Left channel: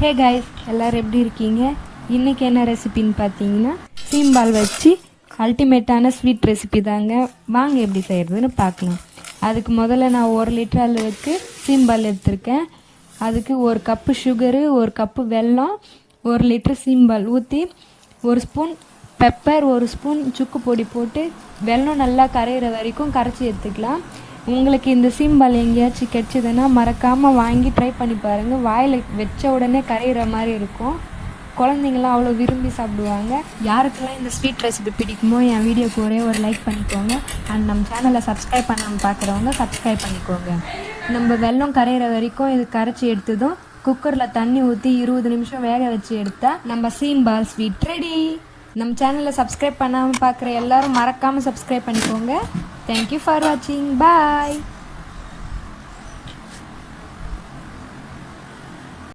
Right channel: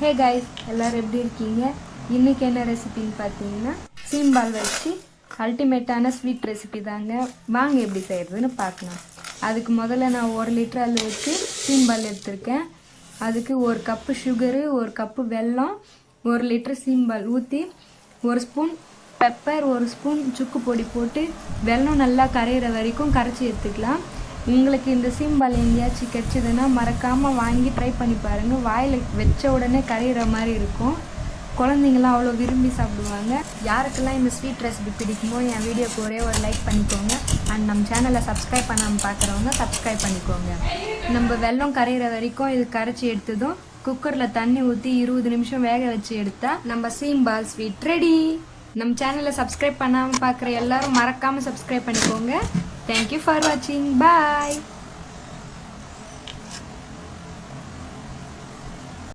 Hey guys, எல்லோரும் எப்படி இருக்கீங்க? இன்றைக்கி என்ன ரெசிபின்னு பார்த்தீங்கன்னா சீம்பால் வச்சு அல்டிமேட்டான ஸ்வீட் ரெசிபி தாங்க. வாங்க எப்படி செய்கிறதுன்னு பார்க்கலாம். அதுக்கு முதல்ல நான் 1 லிட்டர் அளவுக்கு சீம்பால் எடுத்திருக்கேன். அதுக்கு 1 கப்பு சுகரு, 1 கப்பு வெல்லம், 1 லிட்டர் சீம்பால் ஊற்றி 1 ஸ்பூன் பெப்பர், 1 ஸ்பூன் சுக்கு பொடி போட்டு வெல்லம் நல்லா கரையிற வரைக்கும் கரைச்சி எடுத்துக்கலாம். உங்களுக்கு இந்த சீம்பால் எங்கேயாச்சும் கிடச்சிதுன்னா மறக்காமல் வாங்கி ட்ரை பண்ணி பாருங்கள். வாயில் வச்ச உடனே கரையிற மாதிரி இருக்கும். குழந்தைங்களாம் அவ்வளோ விரும்பி சாப்பிடுவாங்க. யாருக்கெல்லாம் இந்த ஸ்வீட் ரெசிபி பிடிக்குமோ என் வீடியோக்கு ஒரே ஒரு லைக் பண்ணிக்கோங்க. அண்ட் நம்ம சேனலை சப்ஸ்கிரைப் பண்ணாமல் பார்க்குறவங்க சப்ஸ்கிரைப் பண்ணிக்கோங்க. நம்ம வெல்லம் கரையிற வரைக்கும் இது கரைச்சி எடுத்ததும் குக்கரில் தண்ணி ஊற்றி 20 நிமிஷம் வேக வச்சு எடுத்தால் நம்ம சீம்பால் ஸ்வீட் ரெடி. நம்ம சேனலை சப்ஸ்கிரைப் பண்ணாமல் பார்க்குற எல்லோரும் மறக்காமல் சப்ஸ்கிரைப் பண்ணிக்கோங்க. Thank you for watching. Bye.